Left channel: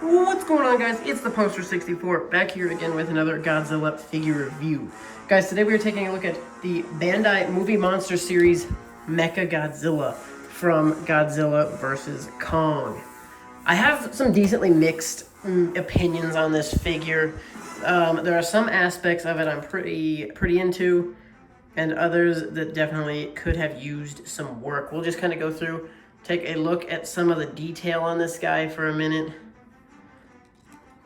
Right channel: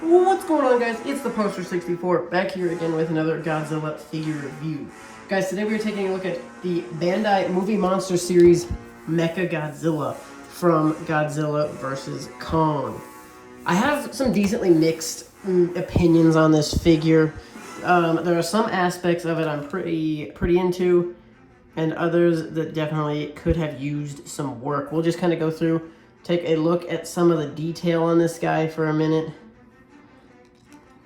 What's going on, guys? It's the Poster 64 back here again with another Godzilla figure review. Guys, today we are taking a look at the Bandai Movie Monster Series Mechagodzilla from Godzilla vs. Kong. I have some decently mixed opinions on this figure. There are some aspects of it I'm pretty into, and others that definitely could have used some work. We'll just kind of go through, take a look at some of the detail on this guy for a minute.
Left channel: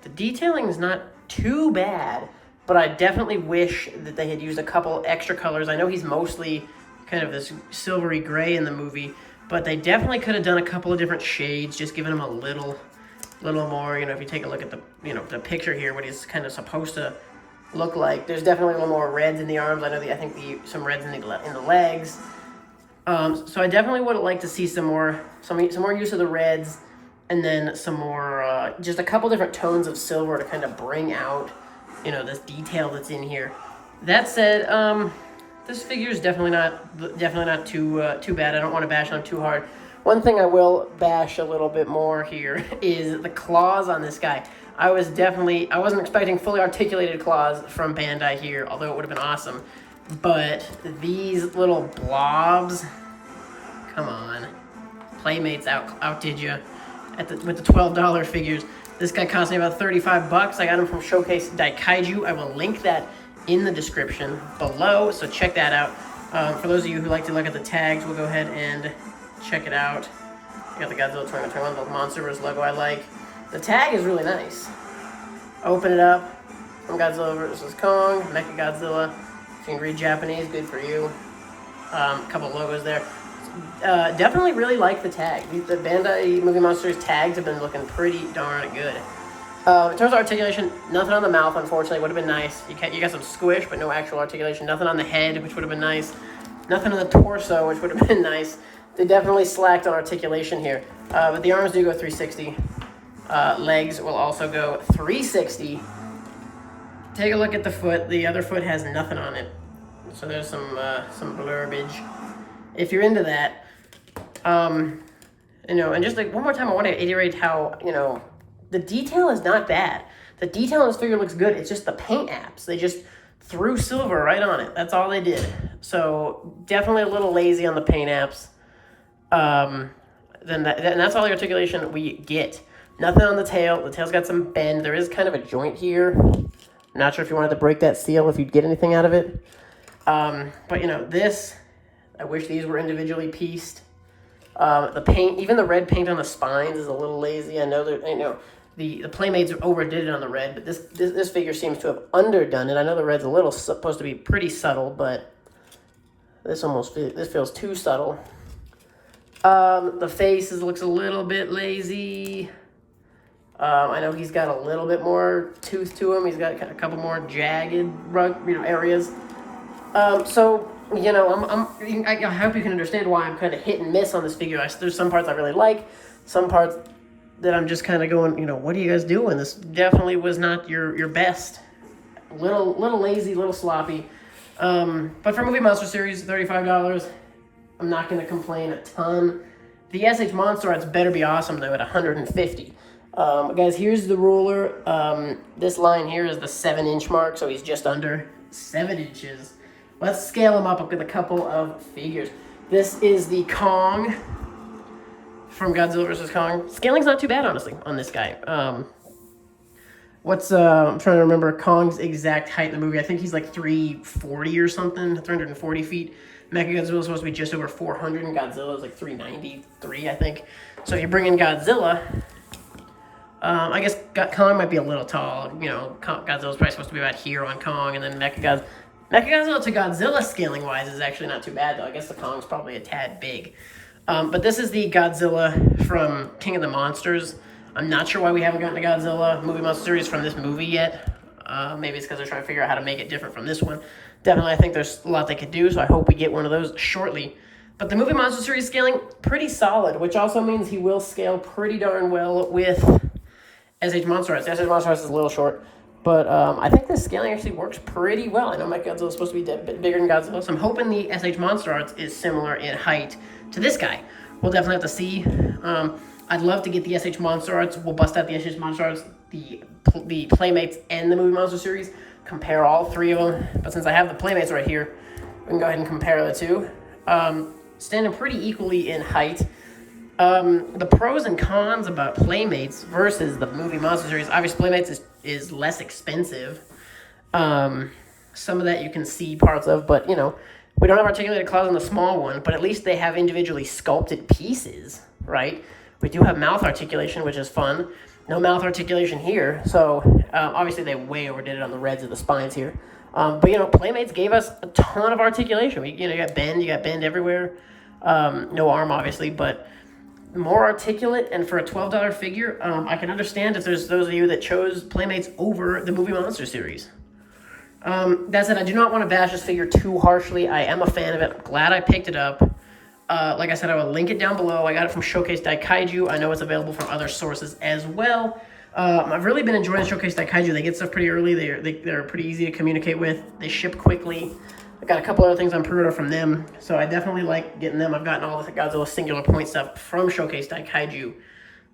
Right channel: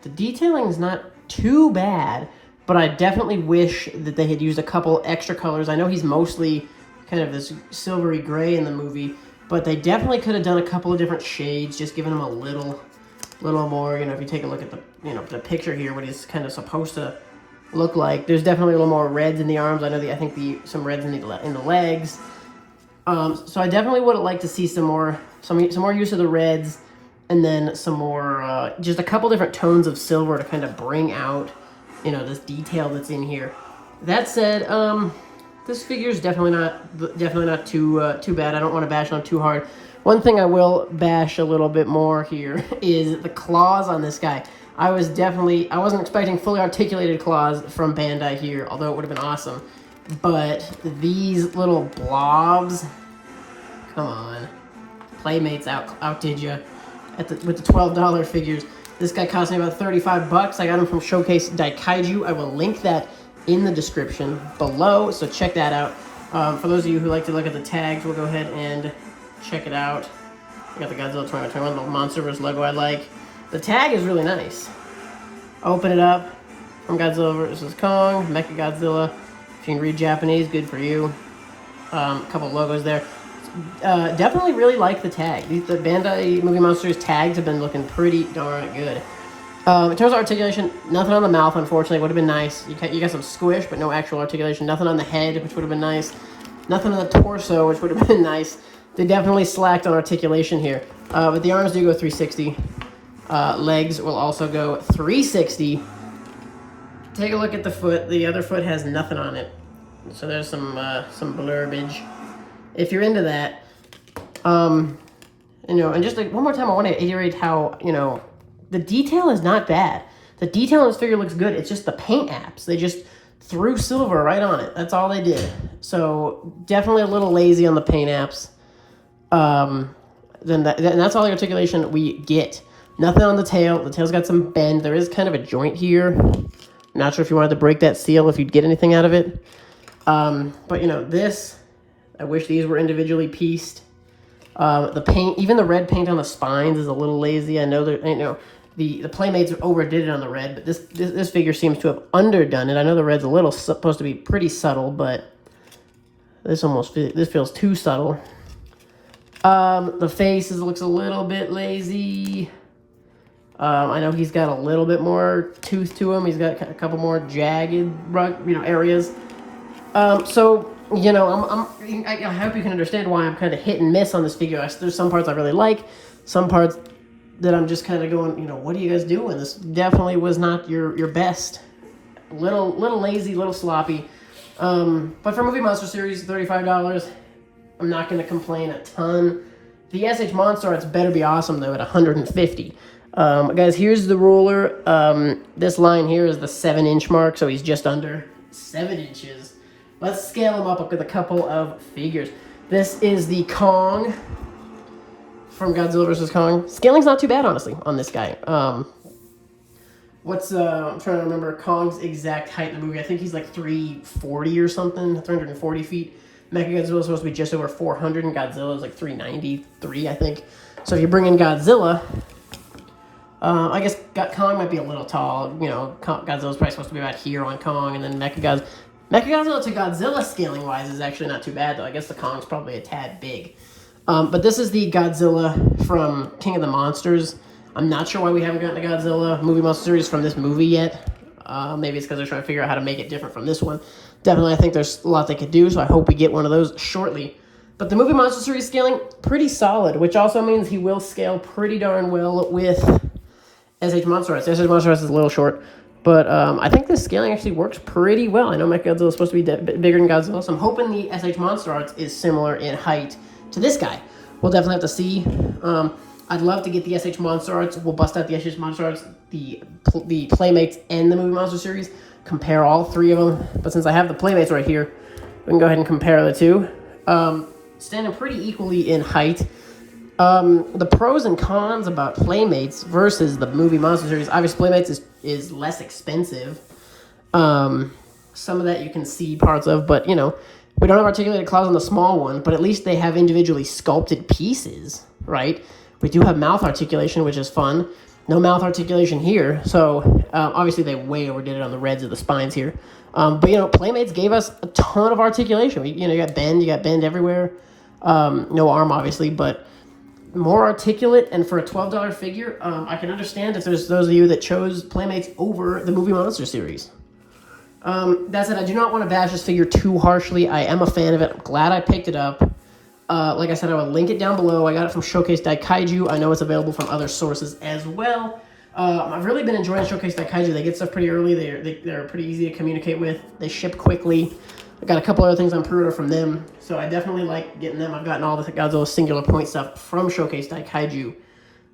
The detailing is not too bad, but I definitely wish that they had used a couple extra colors. I know he's mostly kind of this silvery gray in the movie, but they definitely could have done a couple of different shades, just giving him a little more. You know, if you take a look at the, the picture here, what he's kind of supposed to look like. There's definitely a little more reds in the arms. I know I think some reds in the legs. So I definitely would like to see some more use of the reds. And then some more, just a couple different tones of silver to kind of bring out, this detail that's in here. That said, this figure is definitely not too bad. I don't want to bash on too hard. One thing I will bash a little bit more here is the claws on this guy. I wasn't expecting fully articulated claws from Bandai here, although it would have been awesome. But these little blobs, come on, Playmates outdid you. With the $12 figures. This guy cost me about 35 bucks. I got him from Showcase Daikaiju. I will link that in the description below, so check that out. For those of you who like to look at the tags, we'll go ahead and check it out. We got the Godzilla 2021, the Monsterverse logo I like. The tag is really nice. Open it up. From Godzilla vs. Kong, Mechagodzilla. If you can read Japanese, good for you. A couple logos there. Definitely really like the tag. The Bandai Movie Monsters tags have been looking pretty darn good. In terms of articulation, nothing on the mouth, unfortunately, would have been nice. You got some squish, but no actual articulation. Nothing on the head, which would have been nice. Nothing on the torso, which would have been nice. They definitely slacked on articulation here. But the arms do go 360. Legs will also go 360. Take a look at the foot. The other foot has nothing on it. So there's some blurbage. If you're into that, and just like one more time, I want to iterate how, the detail is not bad. The detail on this figure looks good. It's just the paint apps. They just threw silver right on it. That's all they did. So definitely a little lazy on the paint apps. And that's all the articulation we get. Nothing on the tail. The tail's got some bend. There is kind of a joint here. Not sure if you wanted to break that seal, if you'd get anything out of it. But this, I wish these were individually pieced. The paint, even the red paint on the spines is a little lazy. I know that the Playmates overdid it on the red, but this figure seems to have underdone it. I know the red's supposed to be pretty subtle, but this feels too subtle. The face looks a little bit lazy. I know he's got a little bit more tooth to him. He's got a couple more jagged, areas. I hope you can understand why I'm kind of hit and miss on this figure. There's some parts I really like, some parts that I'm just kind of going, what are you guys doing? This definitely was not your best. Little lazy, little sloppy. But for Movie Monster Series, $35, I'm not going to complain a ton. The SH Monster Arts better be awesome though at $150. Guys, here's the ruler. This line here is the 7-inch mark, so he's just under 7 inches. Let's scale him up with a couple of figures. This is the Kong from Godzilla vs. Kong. Scaling's not too bad, honestly, on this guy. I'm trying to remember Kong's exact height in the movie. I think he's like 340 or something, 340 feet. Mechagodzilla is supposed to be just over 400, and Godzilla is like 393, I think. So if you bring in Godzilla, I guess Kong might be a little tall. Godzilla's probably supposed to be about here on Kong, and then Mechagodzilla to Godzilla scaling-wise is actually not too bad, though. I guess the Kong's probably a tad big. But this is the Godzilla from King of the Monsters. I'm not sure why we haven't gotten a Godzilla Movie Monster Series from this movie yet. Maybe it's because they're trying to figure out how to make it different from this one. Definitely, I think there's a lot they could do, so I hope we get one of those shortly. But the Movie Monster Series scaling, pretty solid, which also means he will scale pretty darn well with SH Monster Arts. SH Monster Arts is a little short. But I think the scaling actually works pretty well. I know Mechagodzilla is supposed to be a bit bigger than Godzilla, so I'm hoping the SH Monster Arts is similar in height to this guy. We'll definitely have to see. I'd love to get the SH Monster Arts. We'll bust out the SH Monster Arts, the Playmates, and the Movie Monster series. Compare all three of them. But since I have the Playmates right here, we can go ahead and compare the two. Standing pretty equally in height. The pros and cons about Playmates versus the Movie Monster series. Obviously, Playmates is less expensive. Some of that you can see parts of, but you know, we don't have articulated claws on the small one, but at least they have individually sculpted pieces, right? We do have mouth articulation, which is fun. No mouth articulation here, so obviously they way overdid it on the reds of the spines here. But you know, Playmates gave us a ton of articulation. You got bend everywhere. No arm, obviously, but more articulate. And for a $12 figure, I can understand if there's those of you that chose Playmates over the Movie Monster series. That said, I do not want to bash this figure too harshly. I am a fan of it. I'm glad I picked it up. Like I said, I will link it down below. I got it from Showcase Daikaiju. I know it's available from other sources as well. I've really been enjoying Showcase Daikaiju. They get stuff pretty early. They're pretty easy to communicate with. They ship quickly. I've got a couple other things on pre-order from them, so I definitely like getting them. I've gotten all the Godzilla Singular Point stuff from Showcase Daikaiju.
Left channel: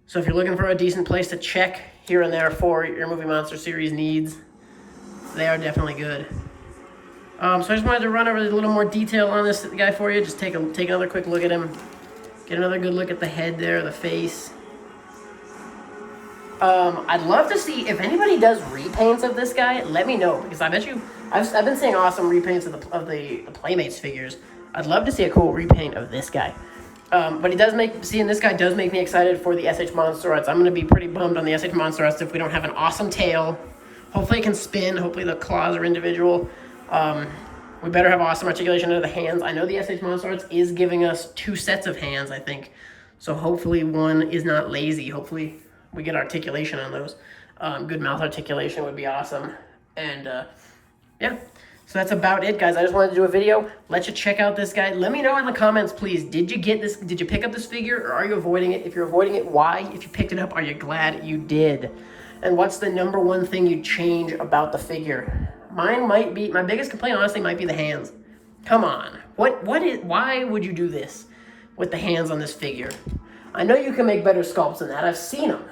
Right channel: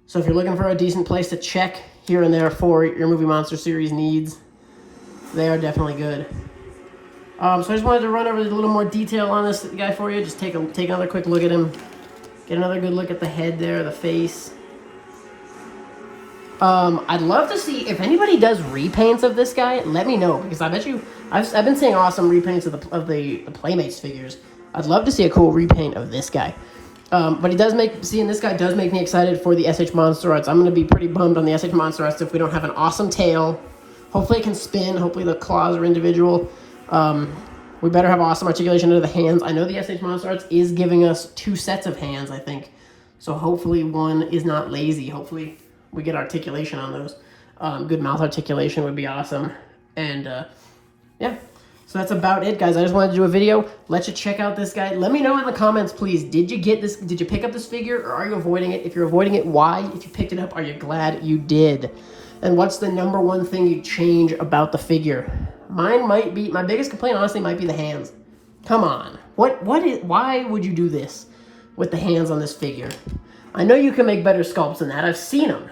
So if you're looking for a decent place to check here and there for your Movie Monster series needs, they are definitely good. So I just wanted to run over a little more detail on this guy for you. Just take another quick look at him. Get another good look at the head there, the face. I'd love to see if anybody does repaints of this guy. Let me know, because I bet you I've been seeing awesome repaints of the Playmates figures. I'd love to see a cool repaint of this guy. But seeing this guy does make me excited for the SH Monster Arts. I'm going to be pretty bummed on the SH Monster Arts if we don't have an awesome tail. Hopefully it can spin. Hopefully the claws are individual. We better have awesome articulation under the hands. I know the SH Monster Arts is giving us 2 sets of hands, I think. So hopefully one is not lazy. Hopefully we get articulation on those. Good mouth articulation would be awesome. And yeah, so that's about it, guys. I just wanted to do a video, let you check out this guy. Let me know in the comments, please. Did you get this? Did you pick up this figure, or are you avoiding it? If you're avoiding it, why? If you picked it up, are you glad you did? And what's the #1 thing you change about the figure? Mine might be, my biggest complaint honestly might be the hands. Come on. Why would you do this with the hands on this figure? I know you can make better sculpts than that. I've seen them.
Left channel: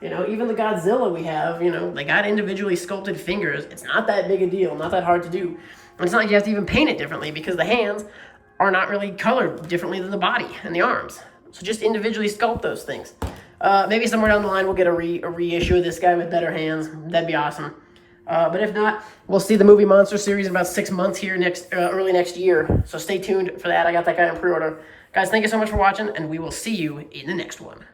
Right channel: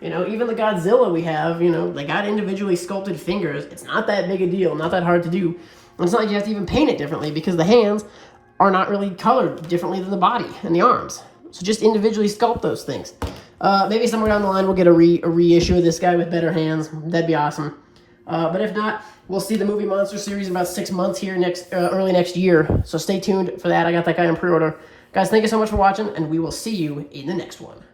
You know, even the Godzilla we have, you know, they got individually sculpted fingers. It's not that big a deal, not that hard to do. And it's not like you have to even paint it differently, because the hands are not really colored differently than the body and the arms. So just individually sculpt those things. Maybe somewhere down the line we'll get a reissue of this guy with better hands. That'd be awesome. But if not, we'll see the Movie Monster series in about 6 months here early next year. So stay tuned for that. I got that guy on pre-order. Guys, thank you so much for watching, and we will see you in the next one.